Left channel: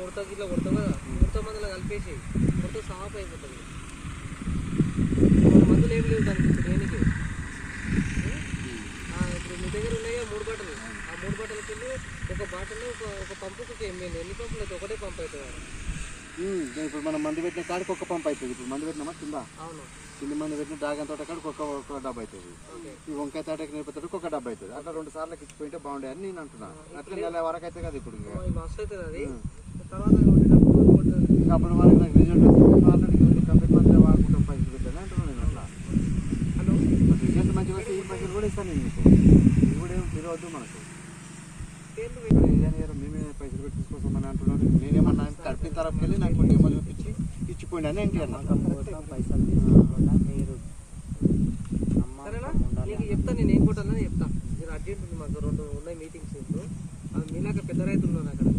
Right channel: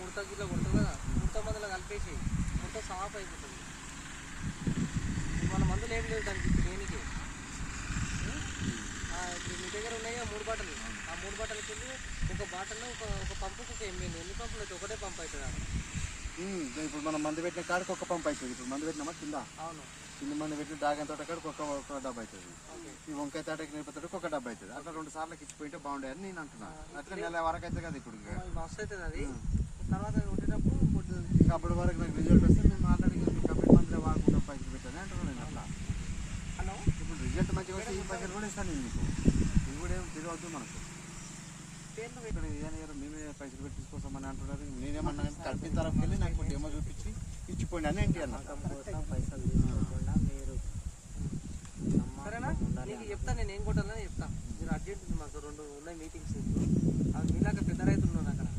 ముడత గిట్లా కొడతావు కదా, ముడత మందులో కలిపేసి ముడత సాఫ్ అయిపోతుంది. మన మందులు ఏం లేదు దానికి దేనికి. ఇప్పుడు మీ దగ్గర ఉన్నాయి 3 బాటలు, ఆ 3 బాటల కింద ఒక బాటల్లో ఒక పంపుకి 1 ml. ఎన్ని పంపులు అయితే ఒకటే పంప్ అవుతుంది. ఇప్పుడు మనం మందు పెట్టిన కాడికి ఒక పంప్ అవుతుంది. ఇప్పుడు మందు పెట్టినామా కింద, అవును, కింద మందు పెట్టిన డ్రాగన్ తోట కాడికి ఒక డబ్బా అవుతుంది. ఈ వంకాయ తోటకి నేర్పుతాడికి ఒక డబ్బా అవుతుంది. అట్లా 2 సార్లకి ఇచ్చిపోయింటే బాగుండే అని నేను అంటున్నాను. అట్లా నెల వరకు అయితే కదా ఇప్పుడు మస్తు అవుతుంది అది. తర్వాత అప్పటి వరకు నాకు రిజల్ట్ వస్తే ఆల్రెడీ కంపెనీ మందులు వాడుకుంటాం పైసలు పెట్టాను అంటున్నాను నేను. అట్లా హలో రిజల్ట్ మంచిగా వస్తే ఈ పైసలు కూడా ఇస్తాను నేను మీకు. ఇది కూడా ఏమి తెలియవద్దు మనకు. మేమే పైసలు పెట్టి తీసుకొస్తామని అంటున్నాను. నేనేమన్నా కట్టిన తర్వాత వెళ్ళి నాకు కొన్ని ఏమో చూపించి ఇచ్చిపోయింది అని ఏంటి అన్న పైసలు తీసుకోకుండా మీరు సరేనా. నీకు చెప్తా, నేను ఏం కొట్టాలని చెప్తా. మీరు అర్జెంట్ మాకు 2 ఉన్నాయి మీటింగ్స్. ఇప్పుడు మీలాగా పెద్ద రైతులు ఉన్నారు అక్కడ.